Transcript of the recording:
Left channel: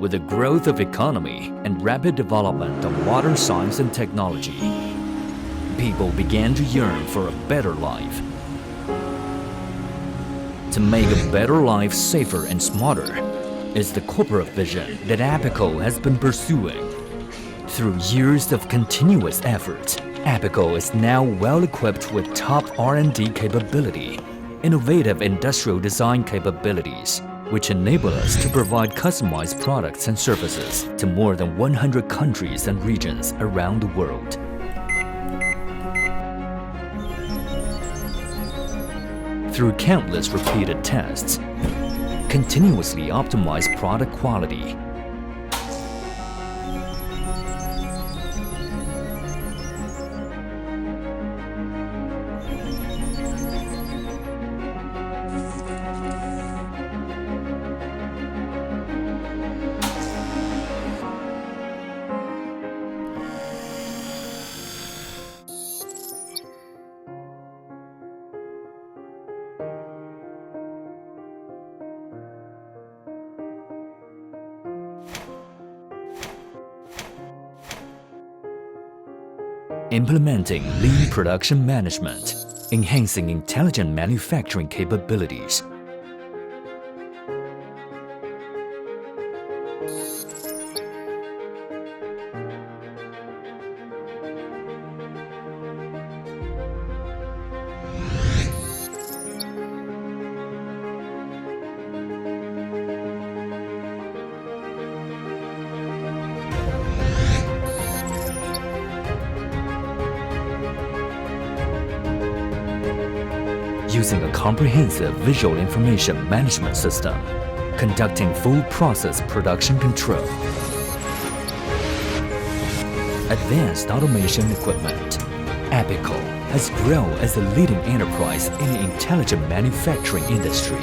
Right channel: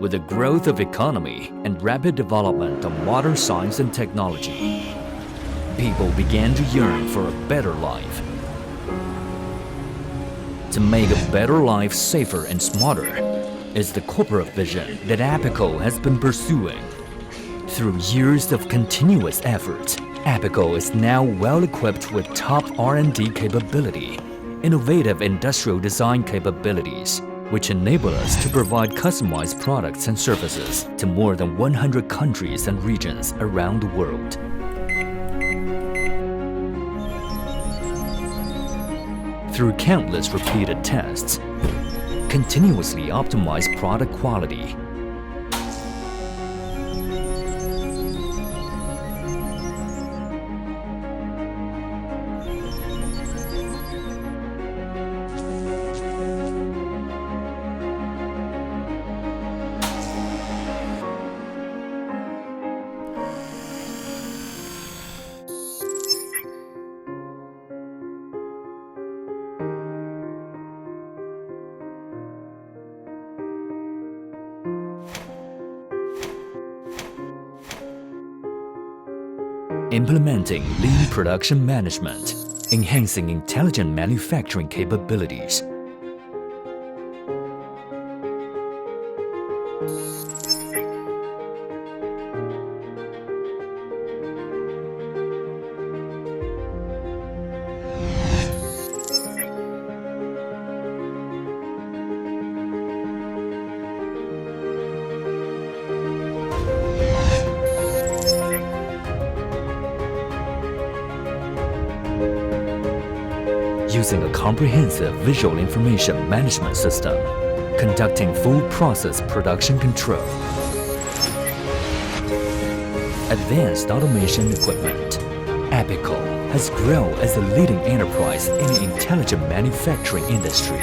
With the growth of economy and rapid development of modern science and technology, people began to yearn for a better life. To make a better life safer and smarter is the corporate vision that Apico has been pursuing. Through years of continuous efforts, Apico is now well equipped with top R&D capability, innovative industrial design capabilities, which enable us to provide customized products and services to more than 100 countries and regions around the world. Through countless repeated tests, continuously optimize product quality, implementing lean production management, enhancing intelligent manufacturing capabilities. Using a comprehensive visual information management system, conducting full process production control, advanced automation equipment, Apico has grown as a leading enterprise in the intelligent manufacturing industry.